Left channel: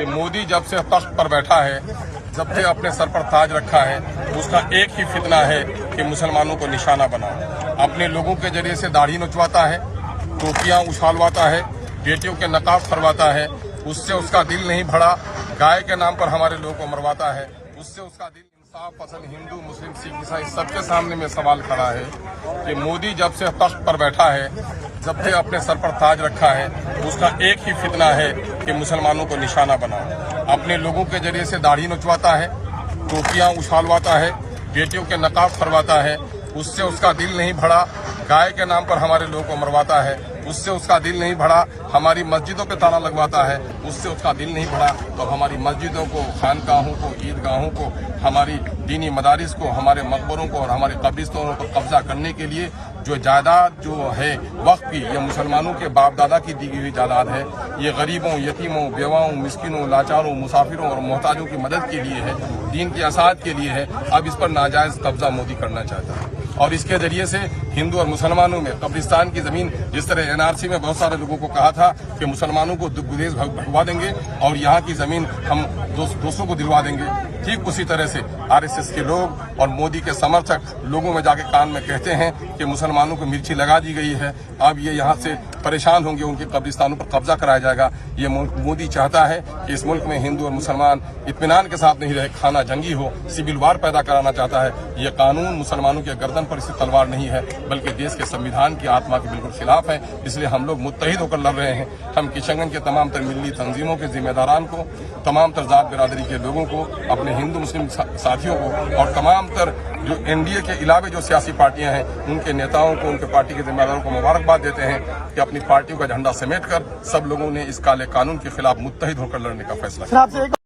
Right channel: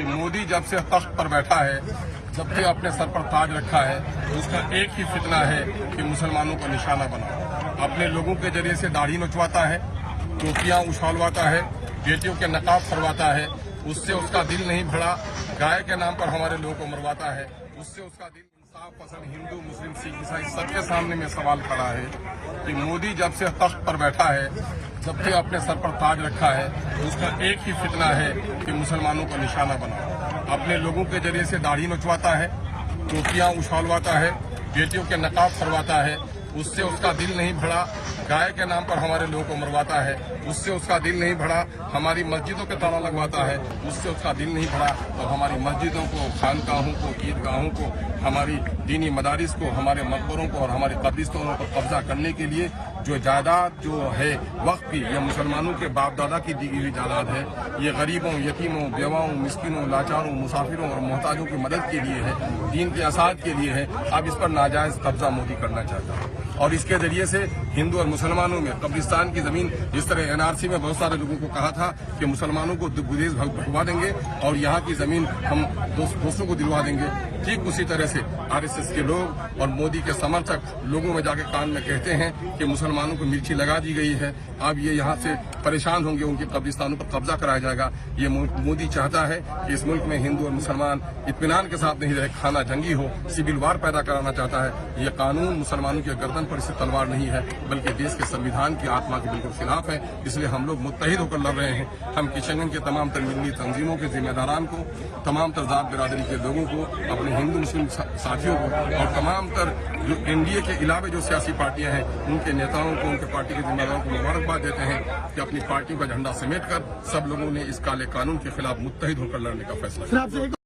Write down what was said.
کہ मोदी जब से तख्त पर बैठा है, जब से अपने सर पर ताज रखा है, उसका एक ही फितना है कि मुसलमानों को निशाना बनाओ। अपने लोगों के जरिए से दाढ़ी नोचवाता है, टोपियां उछालवाता है, बेटियों के नकाब फरवाता है, उससे उसका दिल नहीं भरा। गाय के नाम पर हमारे लोगों को मरवाता है, उससे उसका दिल। इंसाफ पसंद हिंदू मुस्लिम सिख ईसाई सबके सामने में सवाल खड़ा है कि मोदी जब से तख्त पर बैठा है, जब से अपने सर पर ताज रखा है, उसका एक ही फितना है कि मुसलमानों को निशाना बनाओ। अपने लोगों के जरिए से दाढ़ी नोचवाता है, टोपियां उछालवाता है, बेटियों के नकाब फरवाता है, उससे उसका दिल नहीं भरा। गाय के नाम पर हमारे लोगों को मरवाता है, उससे उसका दिल नहीं भरा। हमारी मस्जिदों पे ताला लगवाता है, उससे उसका दिल नहीं भरा। और हमारी मस्जिदों को, खानकाहों को, ईदगाहों को, हमारी दीनी मदारिस को, हमारे मकबरों को और हमारे कब्रिस्तानों पर कब्जा करने के लिए जो जायदाद जो है वक्फ की, ये मुसलमानों के बाप दादा की दी हुई जायदाद है। ये गरीबों, यतीमों, बेवाओं, मिस्किनों, लाचारों, मुसाफिरों और मोहताजों की मदद के लिए है, दीन की असाद के लिए है। अब इस पर नाजायज कब्जा मोदी करना चाहता है और इसके जरिए से हिंदू और मुसलमानों में कब्रिस्तान की जमीन, जिस तरह एनआरसी में बहुत सारे लोगों को कहा था कि मुसलमानों को गुरेज भगवा देंगे और यहाँ की जमीन हम दोस्तों को दिलवा देंगे, ठीक उसी तरह से आरएसएस के लोग और मोदी के समर्थक लोगों में जाके कान में कहते हैं कि मुसलमानों को मिर्ची लगा दी गई है, अब ये यहाँ से परेशान होंगे, उनके कब्रिस्तानों पर कब्जा कराया जाएगा। ये मोदी चाहता है कि इस मुल्क में हिंदू और मुसलमान इत्मीनान के साथ नहीं रहे, खाना जंगी हो, सिविल वार पैदा कराना चाहता है। ये कानून मुसलमानों के गर्दन पर इससे तलवार नहीं है, बल्कि देश के संविधान की आत्मा के बिल्कुल खिलाफ है। इसलिए हम लोग मुत्तहिद होकर लड़ रहे हैं। हम किशनगंज के तमाम तर मिली तंजीमों के जिम्मेदारान को, तमाम तर जात बिरादरी के लोगों को, अपने हिंदू मुस्लिम साथियों को और तमाम तर जो एनडीए के अलावे जो सियासी पार्टियां हैं उनके नेताओं को, उनके पार्टी के जिम्मेदारों को मुबारकबाद देते हैं कि अपनी पार्टियों का झंडा समेट कर सब लोगों ने इस काले कानून के खिलाफ मुत्तहिद होकर लड़ने का फैसला किया।